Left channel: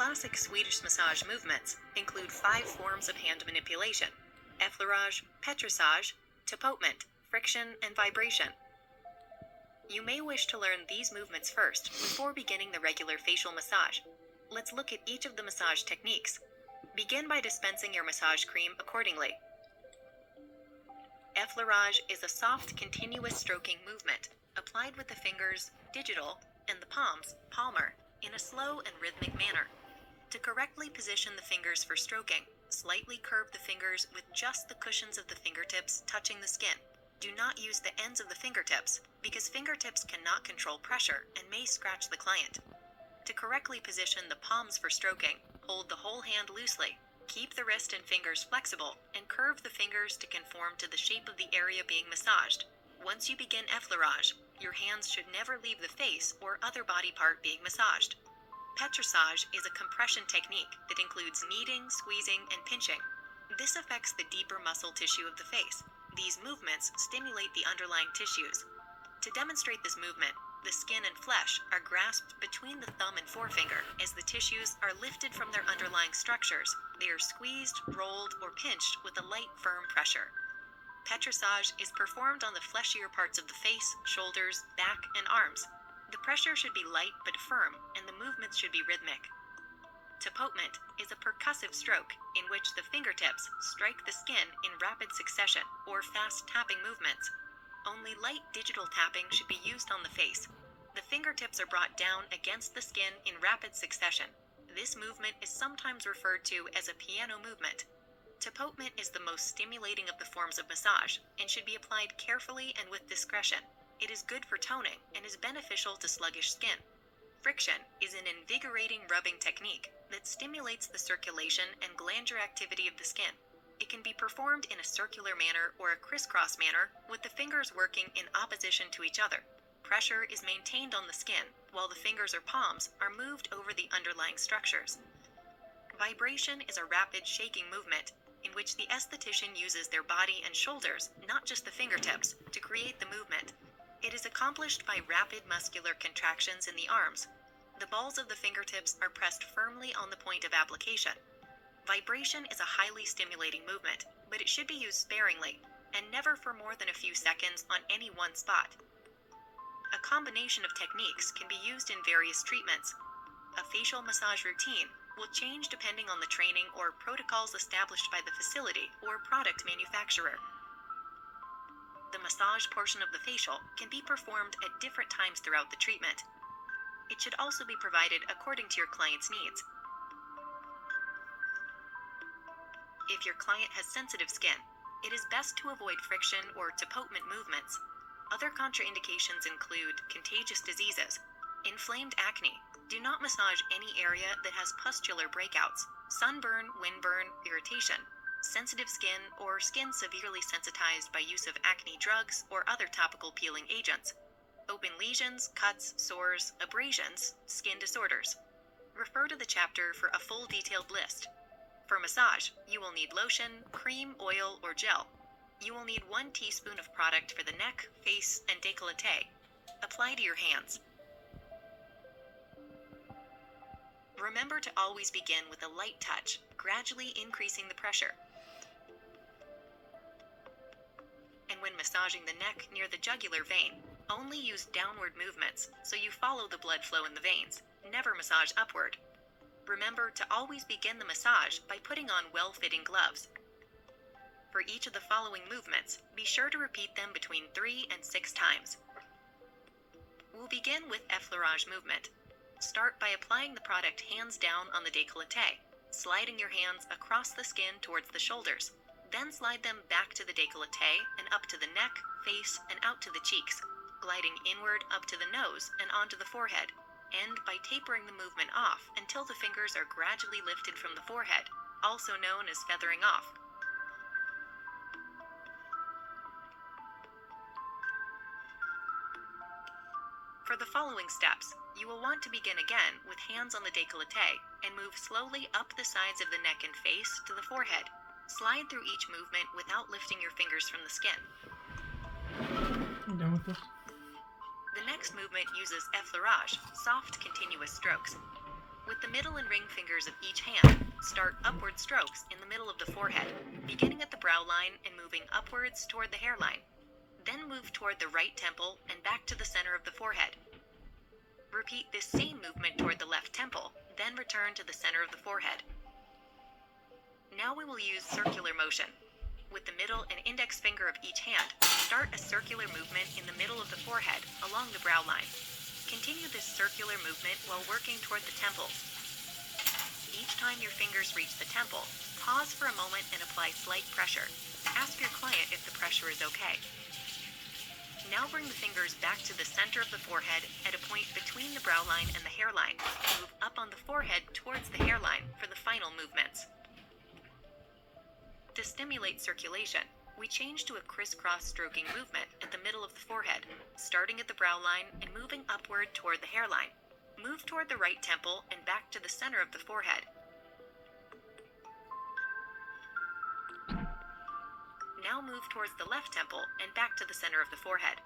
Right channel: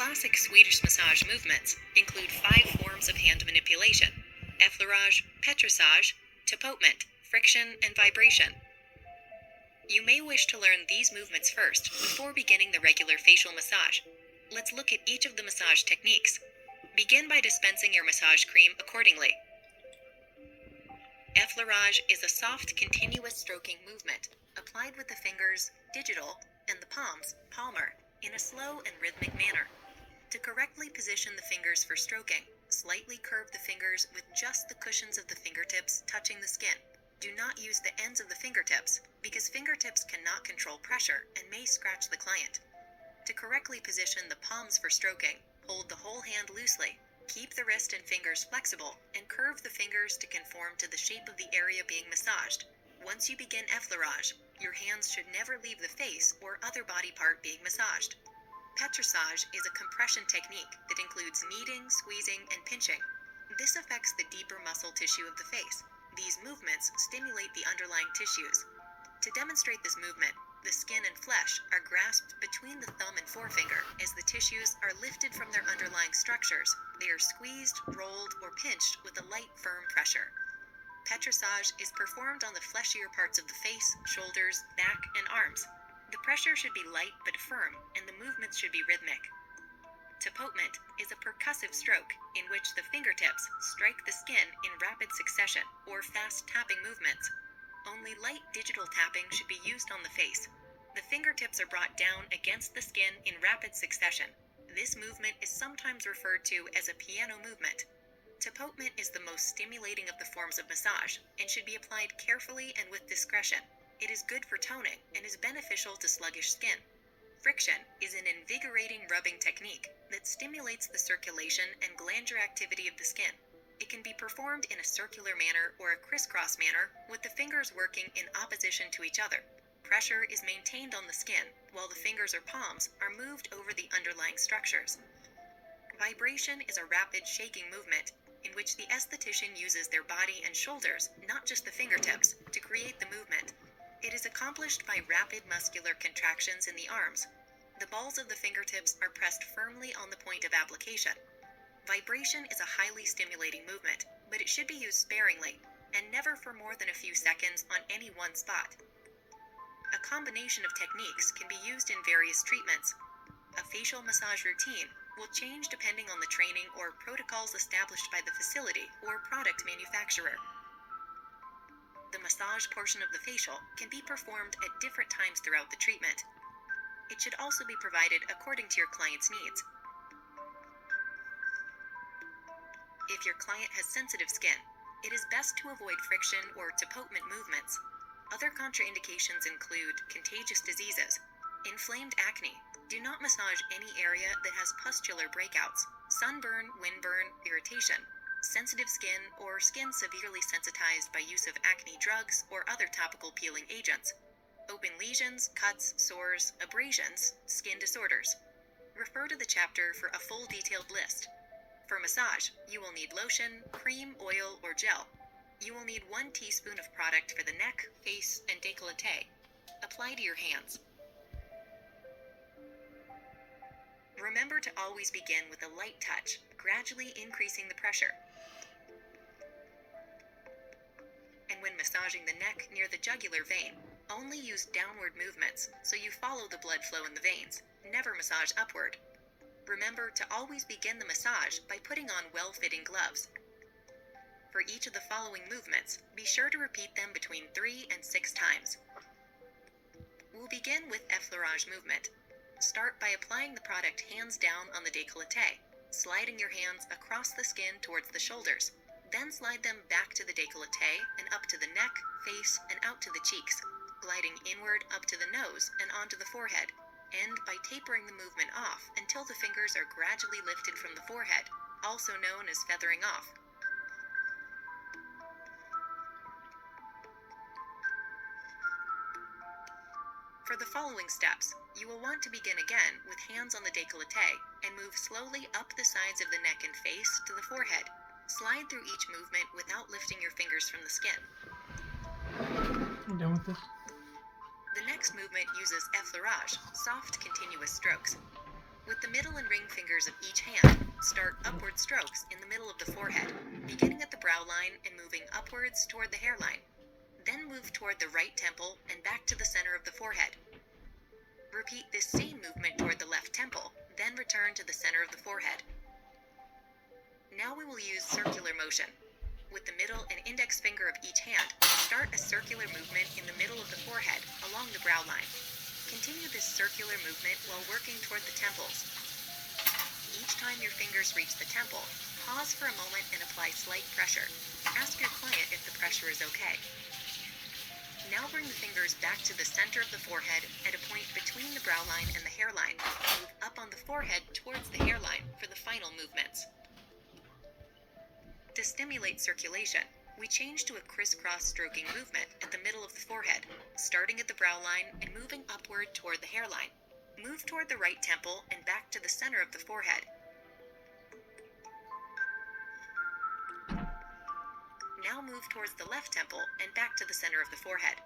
classic Swedish massage movements include 5 forms of hand manipulation: effleurage, petrissage, tapotement, friction, and vibration. You may wish to learn these movements first before beginning the regular facial massage. Let's look at each of the massage techniques. Begin by dispensing your massage cream accordingly. Effleurage is a soft, continuous stroking movement applied with the fingers, digital, and the palms, palmar, in a slow and rhythmic manner. To correctly position the fingers for stroking, slightly curve the fingers with just the cushions of the fingertips touching the skin. Do not use the ends of the fingertips because fingertips cannot control pressure and may scratch the client. To correctly position the palms for stroking, hold the whole hand loosely. Keep the wrist and fingers flexible and curve the fingers to conform to the shape of the area being massaged. Once you begin effleurage, your hands should never leave the face or other body part being massaged. Petrissage is a compression technique that includes kneading, squeezing, and pinching. This affects the deeper muscle tissue of the face. These movements stimulate the underlying tissues. To demonstrate this movement, the skin and flesh are grasped between the thumb and forefinger as the tissues are lifted from their underlying structures. They are squeezed, rolled, or pinched with a light, firm pressure. Petrissage is performed on the fleshier parts of the face, shoulders, back, and arms. The pressure should be light but firm, and the movements should be rhythmic. Tapotement is a percussive stroke in which the fingertips strike the skin in rapid succession or fast tapping movements. Only light digital tapping should be used on the face. The fingertips are brought down against the skin in rapid succession. This movement is sometimes referred to as a piano movement. Tapotement is the most stimulating of the forms of massage and should be applied carefully and with discretion. It is good for toning and is beneficial to sluggish skin. Friction is an invigorating rubbing technique that stimulates the circulation and glandular activity of the skin. It can be performed in a circular manner or a crisscross manner with the fingers working in opposition to each other. Pressure is maintained on the skin while the fingers or palms are moved over the underlying structures. Vibration is a rapid shaking movement in which the esthetician uses their body and shoulders, not just the fingertips, to create the movement. It is accomplished by rapid muscular contractions in the arms. The balls of the fingertips are pressed firmly on the point of application. Vibration is a highly stimulating movement, but it should be used sparingly and never for more than a few seconds on any one spot. A combination of techniques can be used in various treatments. A facial massage routine will change depending on the training or protocols established by the facility or product manufacturer. The massage portion of the facial can be performed at different times throughout the treatment. It should also be provided according to your client's needs. If your client has sensitive skin, it is best to avoid friction or tapotement movements. Other contraindications include contagious diseases, inflamed acne. Do not massage any area that has pustular breakouts, sunburn, windburn, irritation, sensitive skin, or skin severely sensitized by use of acne drugs or other topical peeling agents, open lesions, cuts, sores, abrasions, skin disorders. Refer to the chapter for a full detailed list. For massage, you will need lotion, cream, oil, or gel. You will need 1 teaspoon of product for the neck, face, and décolleté. Apply to your hands. Remember to always begin with a light touch, gradually increasing the pressure. And when massaging the neck near the jugular vein, only use downward movements so you follow the blood flow in the veins. Never massage upward. Remember to always begin the massage by putting on well-fitting gloves. For each of the following movements, be sure to repeat them between 3 and 6 times. We'll begin with effleurage movement. Start by applying the product hands down on the décolleté, sliding your hands across the skin towards the shoulders. Then slide them back to the décolleté and up to the neck, face, and out to the cheeks, gliding inward up to the nose and onto the forehead. End by tapering the movement off until the fingers are gradually lifted from the forehead, also known as feathering off. For the following steps, you will want to begin again with hands on the décolleté and move slowly up the sides of the neck and face to the forehead. Slide through each movement without lifting your fingers from the skin. The next movement uses effleurage, soft continuous strokes. With the middle and ring fingers of each hand, start upward strokes in the middle of the forehead, beginning at the brow line and moving upwards toward the hairline. Then move toward the right temple and back to the center of the forehead. Repeat this same movement toward the left temple, then return to the center of the forehead. Now we will use circular motion. With the middle and index finger of each hand, start a circular movement in the middle of the forehead along the brow line. Continue this circular movement while working toward the temples. Each time your fingers reach the temple, pause for a moment and apply slight pressure. Ask your client if the pressure is okay. Now bring the fingers back to the center of the forehead at a point between the brow line and the hairline. Move up on the forehead towards the hairline for the final movements. To stimulate circulation, we change to a crisscross stroking movement at the middle of the forehead, starting at the brow line and moving upward toward the hairline. Move toward the right temple and back to the center of the forehead. Now move towards the left temple and back to the center of the forehead.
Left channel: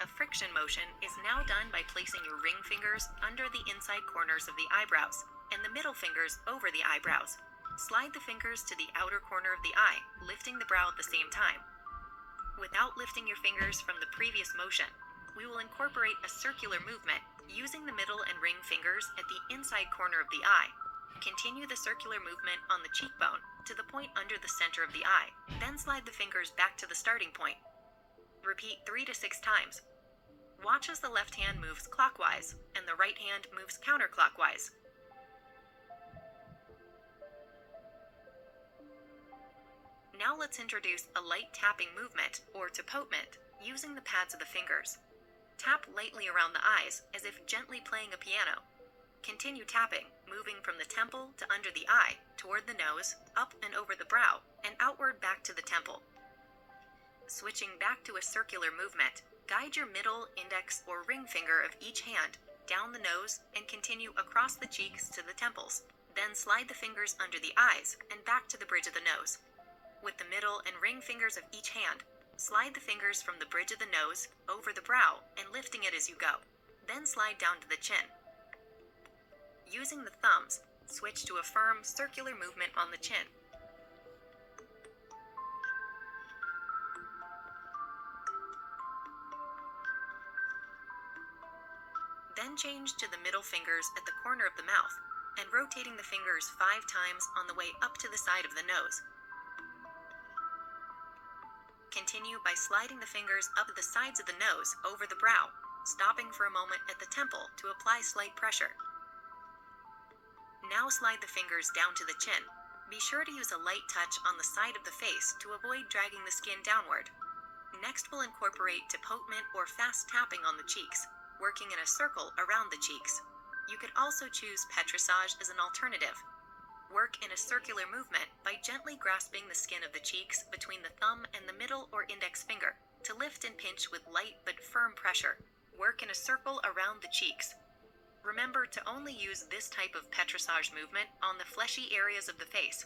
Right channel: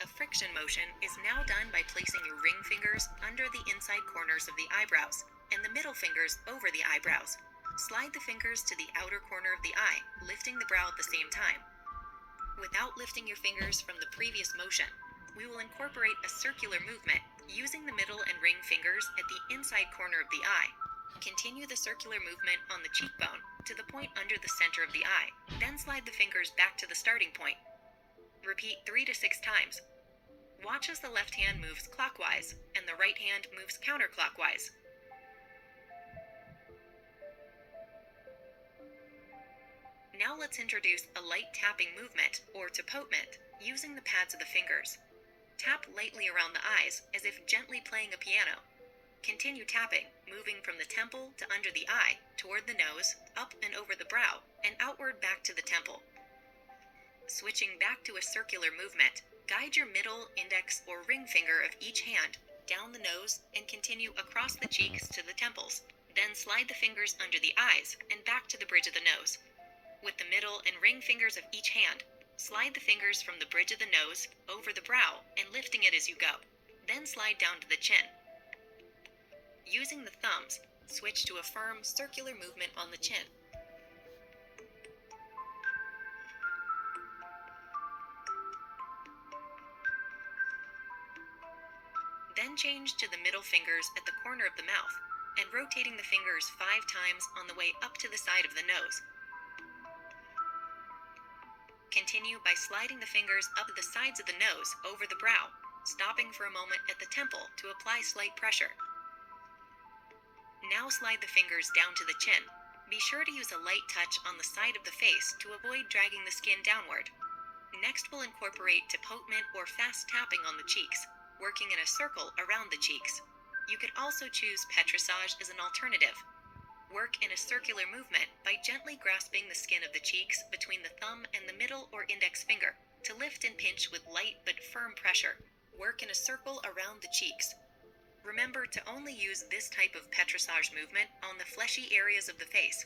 A friction motion is now done by placing your ring fingers under the inside corners of the eyebrows and the middle fingers over the eyebrows. Slide the fingers to the outer corner of the eye, lifting the brow at the same time. Without lifting your fingers from the previous motion, we will incorporate a circular movement using the middle and ring fingers at the inside corner of the eye. Continue the circular movement on the cheekbone to the point under the center of the eye, then slide the fingers back to the starting point. Repeat 3 to 6 times. Watch as the left hand moves clockwise and the right hand moves counterclockwise. Now let's introduce a light tapping movement, or tapotement, using the pads of the fingers. Tap lightly around the eyes as if gently playing a piano. Continue tapping, moving from the temple to under the eye, toward the nose, up and over the brow, and outward back to the temple. Switching back to a circular movement, guide your middle, index, or ring finger of each hand down the nose and continue across the cheeks to the temples. Then slide the fingers under the eyes and back to the bridge of the nose. With the middle and ring fingers of each hand, slide the fingers from the bridge of the nose over the brow and lifting it as you go. Then slide down to the chin. Using the thumbs, switch to a firm circular movement on the chin. Then change to the middle fingers at the corner of the mouth and rotating the fingers 5 times on the way up to the side of the nose. Continue by sliding the fingers up the sides of the nose over the brow, stopping for a moment at the temple to apply slight pressure. Now slide the fingers down to the chin. Be sure to use a light touch on the side of the face to avoid dragging the skin downward. Next, we'll incorporate tapotement or fast tapping on the cheeks, working in a circle around the cheeks. You could also choose petrissage as an alternative. Work in a circular movement by gently grasping the skin of the cheeks between the thumb and the middle or index finger to lift and pinch with light but firm pressure. Work in a circle around the cheeks. Remember to only use this type of petrissage movement on the fleshy areas of the face.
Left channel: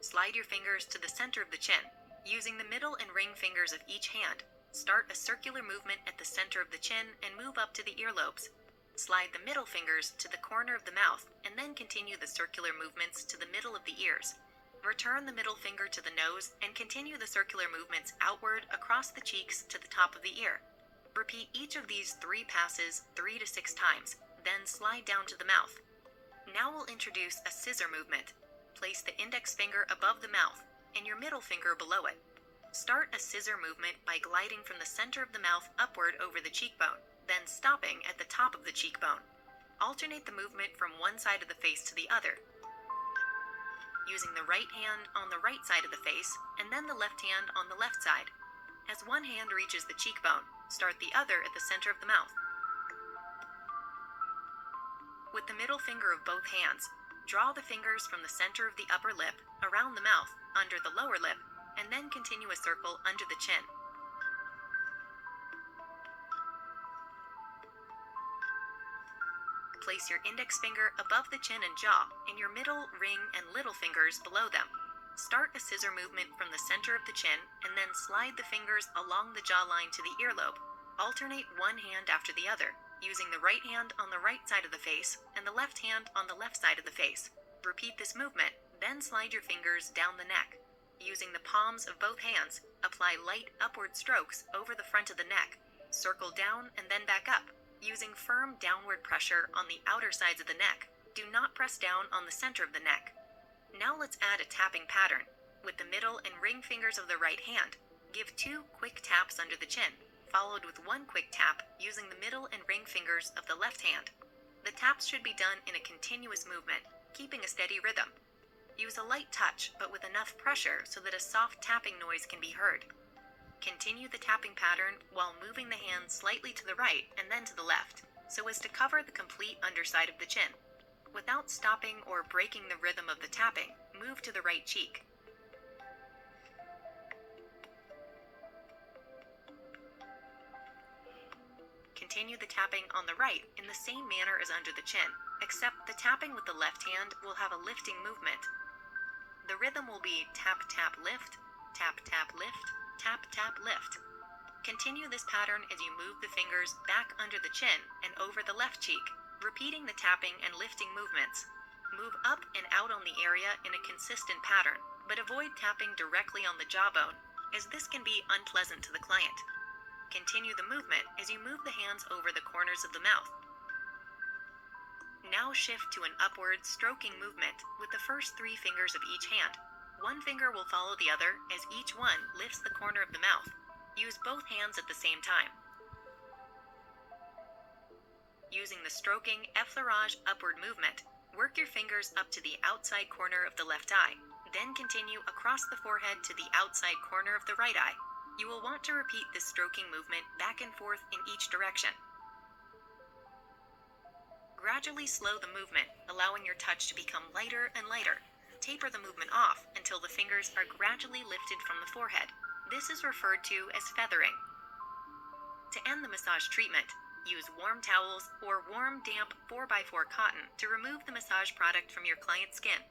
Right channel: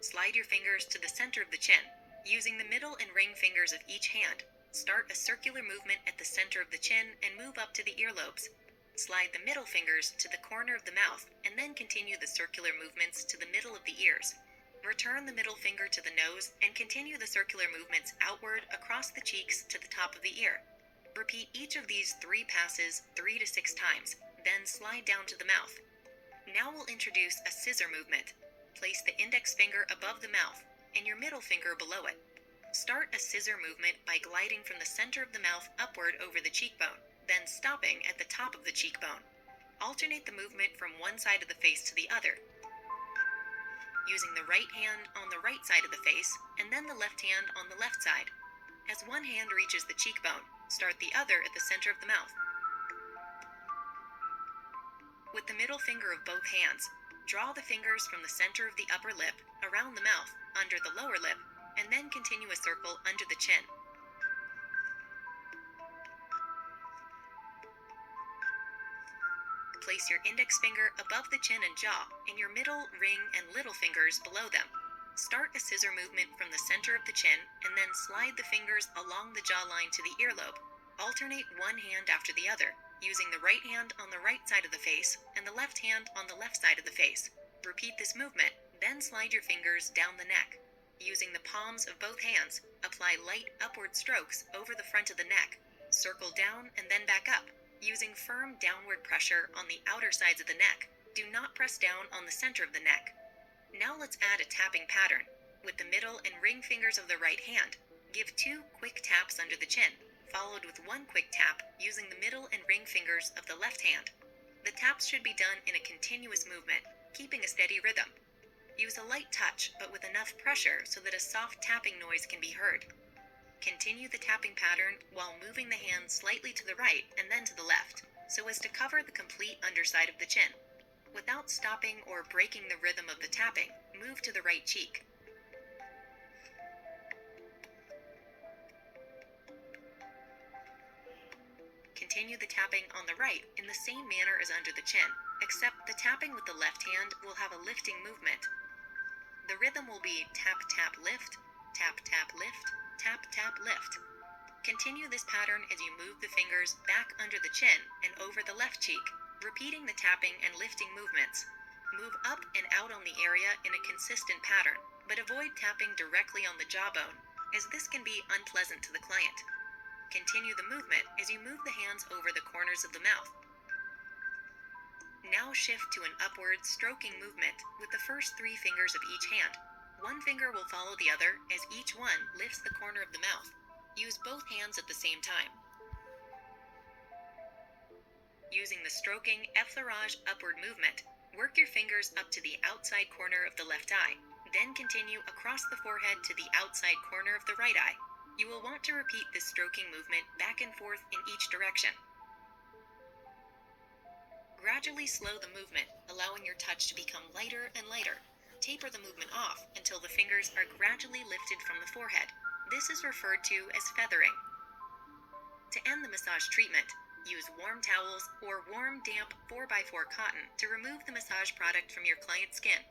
Slide your fingers to the center of the chin. Using the middle and ring fingers of each hand, start a circular movement at the center of the chin and move up to the earlobes. Slide the middle fingers to the corner of the mouth and then continue the circular movements to the middle of the ears. Return the middle finger to the nose and continue the circular movements outward across the cheeks to the top of the ear. Repeat each of these 3 passes 3 to 6 times, then slide down to the mouth. Now we'll introduce a scissor movement. Place the index finger above the mouth and your middle finger below it. Start a scissor movement by gliding from the center of the mouth upward over the cheekbone, then stopping at the top of the cheekbone. Alternate the movement from one side of the face to the other, using the right hand on the right side of the face and then the left hand on the left side. As one hand reaches the cheekbone, start the other at the center of the mouth. With the middle finger of both hands, draw the fingers from the center of the upper lip around the mouth, under the lower lip, and then continue a circle under the chin. Place your index finger above the chin and jaw, and your middle, ring, and little fingers below them. Start a scissor movement from the center of the chin and then slide the fingers along the jawline to the earlobe. Alternate one hand after the other, using the right hand on the right side of the face and the left hand on the left side of the face. Repeat this movement, then slide your fingers down the neck. Using the palms of both hands, apply light upward strokes over the front of the neck. Circle down and then back up, using firm downward pressure on the outer sides of the neck. Do not press down on the center of the neck. Now let's add a tapping pattern. With the middle and ring fingers of the right hand, give 2 quick taps under the chin, followed with 1 quick tap using the middle and ring fingers of the left hand. The taps should be done in a continuous movement, keeping a steady rhythm. Use a light touch, but with enough pressure so that a soft tapping noise can be heard. Continue the tapping pattern while moving the hand slightly to the right and then to the left, so as to cover the complete underside of the chin. Without stopping or breaking the rhythm of the tapping, move to the right cheek. Continue the tapping on the right in the same manner as under the chin, except the tapping with the left hand will have a lifting movement. The rhythm will be tap, tap, lift, tap, tap, lift, tap, tap, lift. Continue this pattern as you move the fingers back under the chin and over the left cheek, repeating the tapping and lifting movements. Move up and out on the area in a consistent pattern, but avoid tapping directly on the jawbone, as this can be unpleasant to the client. Continue the movement as you move the hands over the corners of the mouth. Now shift to an upward stroking movement with the first 3 fingers of each hand. One finger will follow the other as each one lifts the corner of the mouth. Use both hands at the same time. Using the stroking effleurage upward movement, work your fingers up to the outside corner of the left eye, then continue across the forehead to the outside corner of the right eye. You will want to repeat this stroking movement back and forth in each direction. Gradually slow the movement, allowing your touch to become lighter and lighter. Taper the movement off until the fingers are gradually lifted from the forehead. This is referred to as feathering. To end the massage treatment, use warm towels or warm, damp 4x4 cotton to remove the massage product from your client's skin.